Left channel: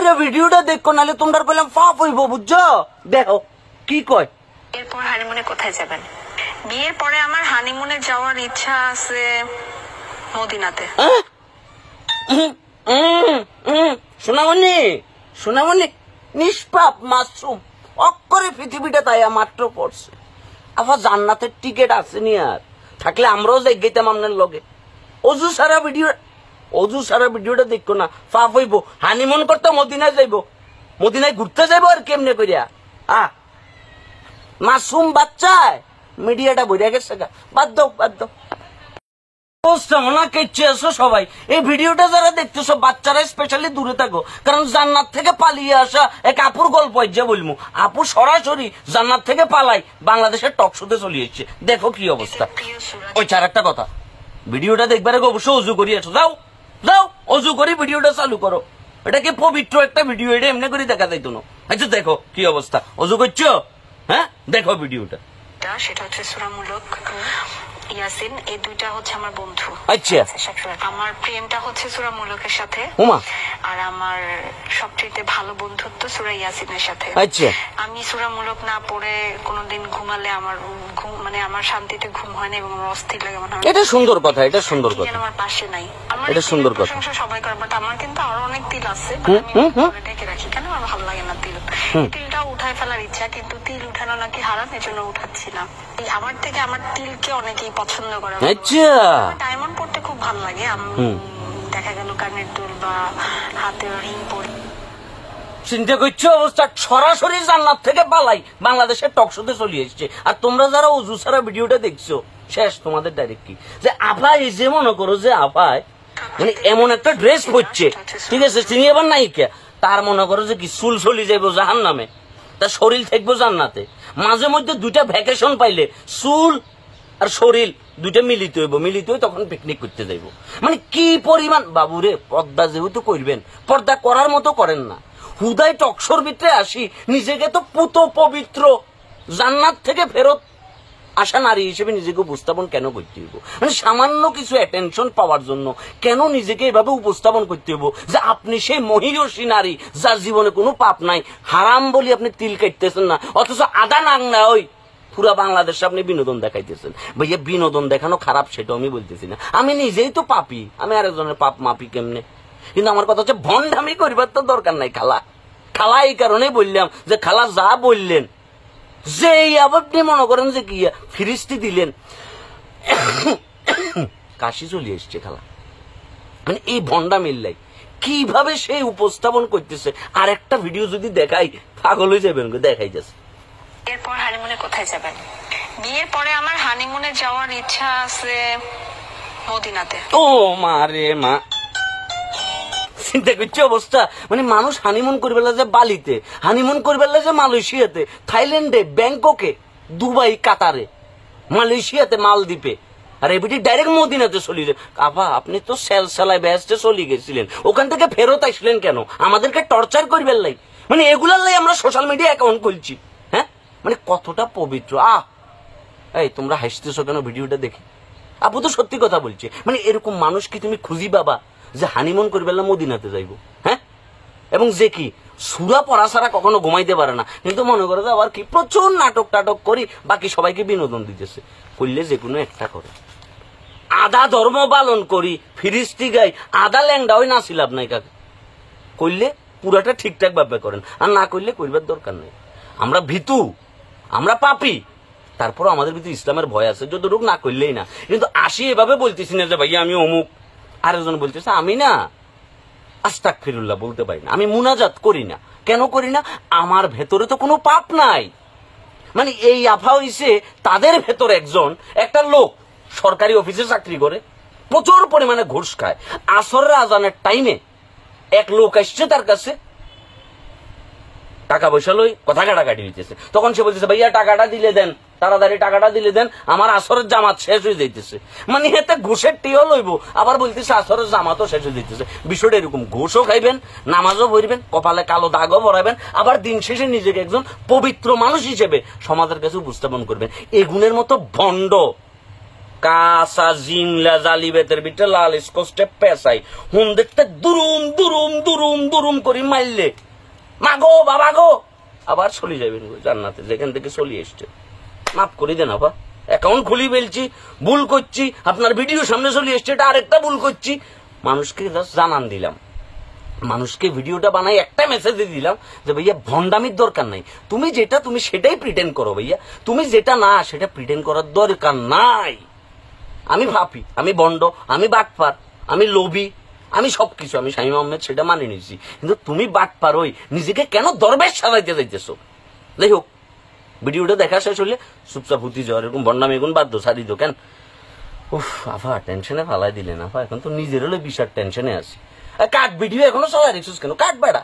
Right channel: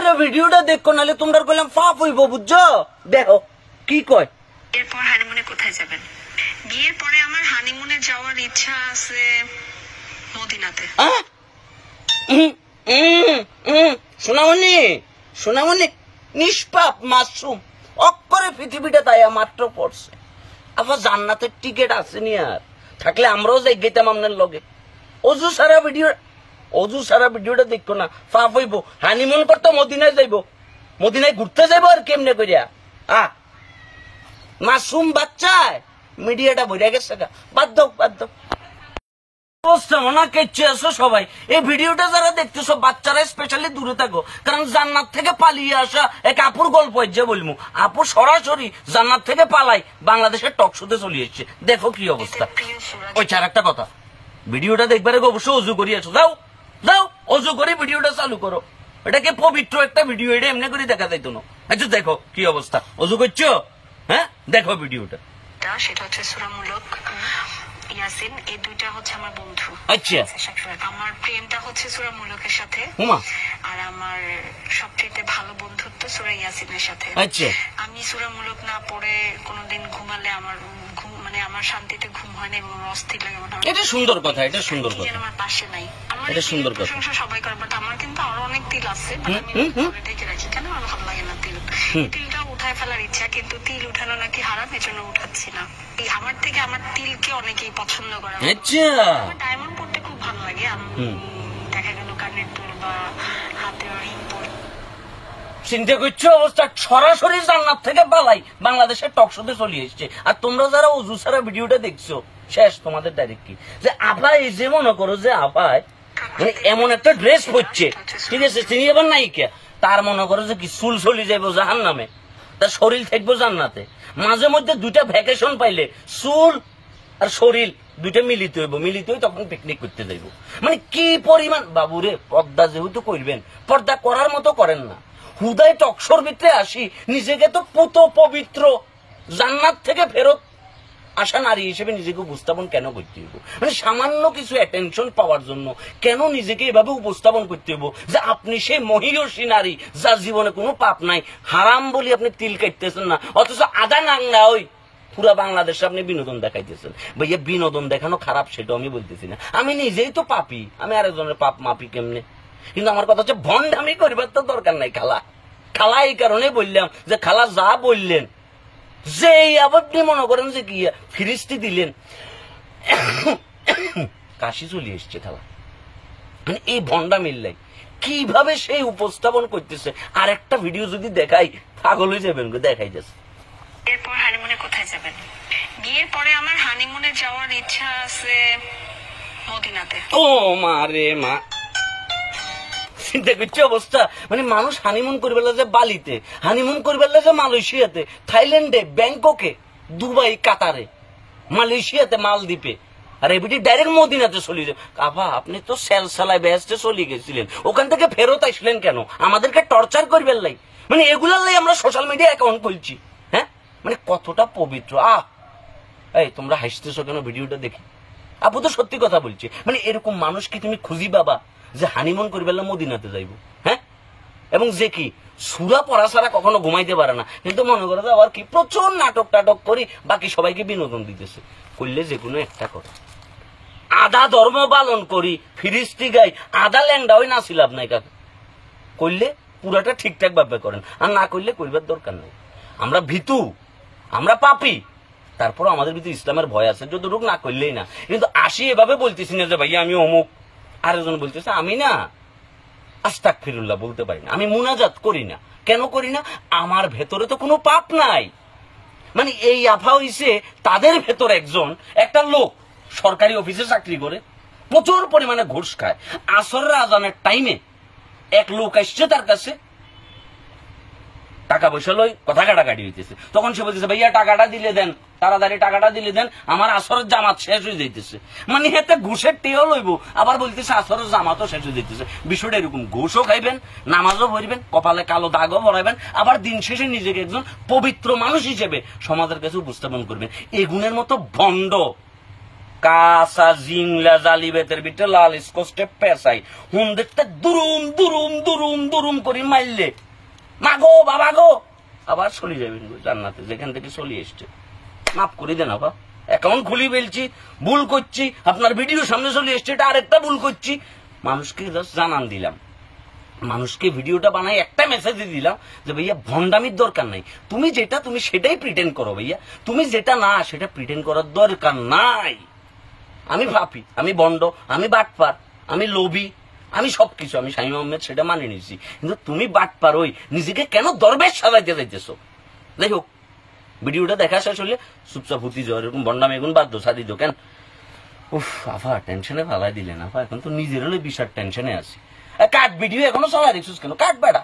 করে ভিডিওটা দেখো, নাহলে তোমরা কইলাম পাপ হইব, বুঝছো? দেখো কি কয়। এরপর হানিমুনে কোথায় যাবেন? বিয়ের পরে আমার হানিমুনে যাওয়ার ইচ্ছা আছে মদিনাতে। সোনামণি, সোনামণি নিষ্পাপ মাসুম, অক্ষরে পৃথিবীটা তাই মাত্র পড়ছে। আবার জান্নাতের টিকিট আসেনি, আর থাকলে আমরাও যাই গেতাম আপনার লগে। অজু সারা ভিডিওটা দেখো না, পাপ হইব। হানিমুন করতে মদিনায় যাইব, মদিনায় ঘুরতে যাইব, আর কেমনে করিয়া মাসুম বাচ্চায় মিডিয়াটা বইয়া গেছে। বাদ দাও, বাদ দাও। সবাই এই ভিডিওটা যারা দেখতেছো, বাচ্চারা স্পেশালি দূরে থাকো, কারণ জান্নাত থেকে পালিয়ে আসা এক আপুর গল্প যে বলবো। আপু সরাসরি জান্নাত থেকে পালাই বাংলাদেশের টক শোতে চলে এসছে। দেখো কি অবস্থা। ওই চার একটা কথা, ভিডিওটা দেখবার আগে অবশ্যই অজু করিয়েছো, যাও যাও অজু করে ভিডিওটা চালু করো। এটা কি পবিত্র একটা ভিডিও, এটা এমনি করে দেখা যাইতো না। আচ্ছা দেখো কি অবস্থা, অজু করছো? হ্যাঁ দেখো ভিডিওটা। সেটা হচ্ছে সূরা মুলক, ইয়াসিন, এই দুইটা হচ্ছে আমার বন্ধু। আচ্ছা, আমার প্রেমটা হচ্ছে সূরা মুলকের সাথে, আর আমার সবচেয়ে ভালো বন্ধুত্ব সূরা ইয়াসিনের সাথে। আচ্ছা, আমি সূরা মুলক না পড়ে কোনোদিন ঘুমালে আমার ঘুম মানে আমার শান্তিতে ঘুম হয় না এবং আমার অস্থির লাগে। এটা সুন্দর কথা, এটা সুন্দর কথা, আমার পাশে নাই। আমার এটা সুন্দর কথা, প্রশংসা সবাই করে, বাট আমার কিন্তু আরো অনেক তিল আছে, ঢেকে রাখি। কেন আমার ভালো লাগে না তিল? তিলটা উঠায় ফেলার ইচ্ছা, কিন্তু তিল উঠানো নাকি হারাম, এজন্য উঠাচ্ছি না। আমার থেকে আমার তিলকে অনেকেই পছন্দ করে। ডায়মন্ড পড়তে খুব ভালো লাগে, দেখা গেল কানের দুল বা হাতের রিং পরে। চিন্তা করছো অবস্থা, সরাসরি জান্নাত থেকে পালাই বাংলাদেশের টক শোতে চলে এসছে। আর তোমরা যারা অজু সারা ভিডিওটা দেখছো, শেষ তোমাদের ডাইরেক্ট কি যে আপা, এই যে মনে করো যে আপায় মানে এমন একটা ড্রেস পরছে, ঠিক আছে, তিনি এবার নায়িকা, তার মনে করো যে কি চুল চলি যাইব জাহান নামে, তার শরীর থাকবো জান্নাতে। মাঝে মধ্যে দুইটা ভ্যাকেশন পাইলে চুল আর শরীর দুইটা মিলিত হইব, মিলিত হয়ে তখন পিকনিক করতে যাইব। মানে কি পরিমাণ বাবুরে, পর্দা যেহেতু করবেন, পর্দা করার মতো করেন না। হুদাই টকশোর ভিতরে আসি, নিজেকে তো পুত পবিত্র জান্নাত থেকে ফেরত আসা নারী হিসেবে নিজেকে উপস্থাপন কেন করতে হইব? মানে সামান্য কিছু অ্যাটেনশন পাওয়ার জন্য কেন নিজেকে এভাবে উপস্থাপন করতে হইব যে আপনি সেই মহিয়সী নারী যার জীবনে কোনো পাপ নাই? হারাম বলি আপনি তিল কাটতেছেন না, অথচ আদা নাং না ওই পুরা বাংলাদেশে আপনি বিনোদন দেখাইতেছেন। ভাইয়া বিনোদন দেখানো খারাপ সেটাও আমি বলতেছি না, আমি নিজেই তো পাপি, আমি আরেকজনের পাপ মাপি কেমনে? কিন্তু আমার কথা হচ্ছে ভণ্ডামি করবার তো দরকার নাই খালা। খালা এই কারণে বললাম যে খালা যা বললেন, যে আপনি মনে করেন যে কি ফিরিস্তি দিলেন, কাশি চলে এসছে খালা। মানে এই ভণ্ডামির লাই কিভাবে সেই উপস্থাপন করতেছে, আর একটা ভিডিও যদি দেখাই পাগল হয়ে যাবেন, দেখাই যাচ্ছে। এরপর হানিমুনে কোথায় যাবেন? বিয়ের পরে আমার হানিমুনে যাওয়ার ইচ্ছা আছে মদিনাতে। ও মা রে মা, চিন্তা করছে অবস্থা। মানে মানুষ হানিমুন করবে যে বালিতে, হানিমুন করবে যে মালয়েশিয়াতে, থাইল্যান্ডে, ব্যাংককে, দুবাই, কাতারে, মালয়েশিয়াতে, মালদ্বীপে, আর এবিটি ডাইরেক্ট মদিনাতে চলে যায়। কাবা আপনি তো সেলসালায় বেহেশতে চলে গেছিলেন, ওখান থেকে ফেরত আসলেন কেন? আমাদেরকে টর্চার করবেন লাই? মানে এগুলার লাই আমরা সোশ্যাল মিডিয়া অ্যাকাউন্ট খুলছি। হ্যাঁ, মানে কতটা পবিত্র। এই তোমরা হাসতেছো কেন ভিডিওটা দেখে? আপু তো সত্যি কথা বলছে। মানে এরকম মানুষ কি তুমি খুঁজি বাবা যে হানিমুন করবে মদিনাতে যাইব? হ্যাঁ, এবং যে কি সুরা পড়া ছাড়া কখনো ঘুমাইতে পারে না, কিন্তু মনে করে যে আবার কি প্রচুর নাটক টাটক করি, বাকি সবাইকে বিনোদন দিতেছে। করলে যে কোনো একটা করে, আদা ধর্ম পালন করি, ফিরিস্তি গাই, আদা ল্যাংডা ওই নাচি লাভ নাই কাকে। করলে পুরাটা ঠিকঠাক ভাবে করেন, আর না করলে করবার দরকার নাই। আমরা ভীতু, আমরা পাপি, তারপর আমাদের ভিতরে ইসলামের ভয় আছে, যতটুকু না করলেই না। কিন্তু আসি এভাবে বলতেছি না যে ভাইয়া আমি অমুক, আরেকজন বলতেছে আমি না আস্তাগফিরুল্লাহ বলতে পারি না, আমি মুনাজাত করি না। কেন করি না? আমার ভেতরে তো কোনো পাপ নাই। মানে এই আফা হইছে তাদের ভেতর একজন, একটা লোক সরকারি অফিসে চাকরি করে, প্রচুর পরিমাণে ঘুষ খায়। আসরের আজানের টাইমে এক লোক আসছে তার কাছে, টাকা পয়সা লই কথা কাটাকাটি হইতেছে। তখন সে বলতেছে ভাইয়া টাকাটা দিলে দেন, তাড়াতাড়ি টাকাটা দিলে দেন, আমার আসরের জামাত শেষ হয়ে যাইতেছে। মানে এতে ঘুষের টিও লইব, আবার বলতেছে আসরের জামাতও শেষ হয়ে যাইতেছে। বিষয়টা এরকম, ঘুষও খাইবেন, নামাজও পড়বেন, কপালে কালো দাগও ভরাবেন, আবার দিন শেষে নিজেকে একজন পবিত্র মানুষ হিসেবে সমাজের কাছে উপস্থাপন করবেন। এই গুণের মতো ভণ্ড কাঁচা জিংলা জালি বেতের ভিতরে লাল স্কচটে পেঁচাই হুম দেখতে দুরুম দুরুম দুরুম দুরুম করি মাইলে মাগো বাবা গো আবার চলে যাবেন জান্নাতে যেখান থেকে চলে এসছে। মাফ করে দেন আপা, অ্যাকাউন্ট খুলি ফেলছি, ভুল করছি, আপনার ভিডিও সামনে চলে এসছে, এটা আরেকটা ভুল করছি। মানুষকে জাস্ট জানান দিলাম, মানুষকে ভিডিওটা বানাই একটা মেসেজ দিলাম যে ভাইয়া ভন্ডামির দরকার নাই, তুমি যেটা তুমি সেটাই প্রিটেন্ড করো ভাইয়া, তুমি যেটা না সেটা প্রিটেন্ড করার দরকার নাই। আমি ভাপি, আমি বন্ড, আমি বাটপার, আমি লোভী, আমি সবকিছু, আমি শামীম আহমেদ সেটা মানে নিয়েছি, কিন্তু তুমি বাটপার ওই নিজেকে কেন দরবেশ সাজাইতে যাইতেছো? যাই হোক, ভিডিওটা দেখা শেষ হলে চুপচাপ হুতি যাওয়ার এরকম বন্ডামি এগুন বাধ্য সারি দো কেন? উফ আফা টেনশনে ফালাই দিলেন আফা, এখন তো নিজের হলে বিশাল টেনশনে আছি। কাট ভিডিও এখনো চলা রেখছিস কেন? কাট বেড়া।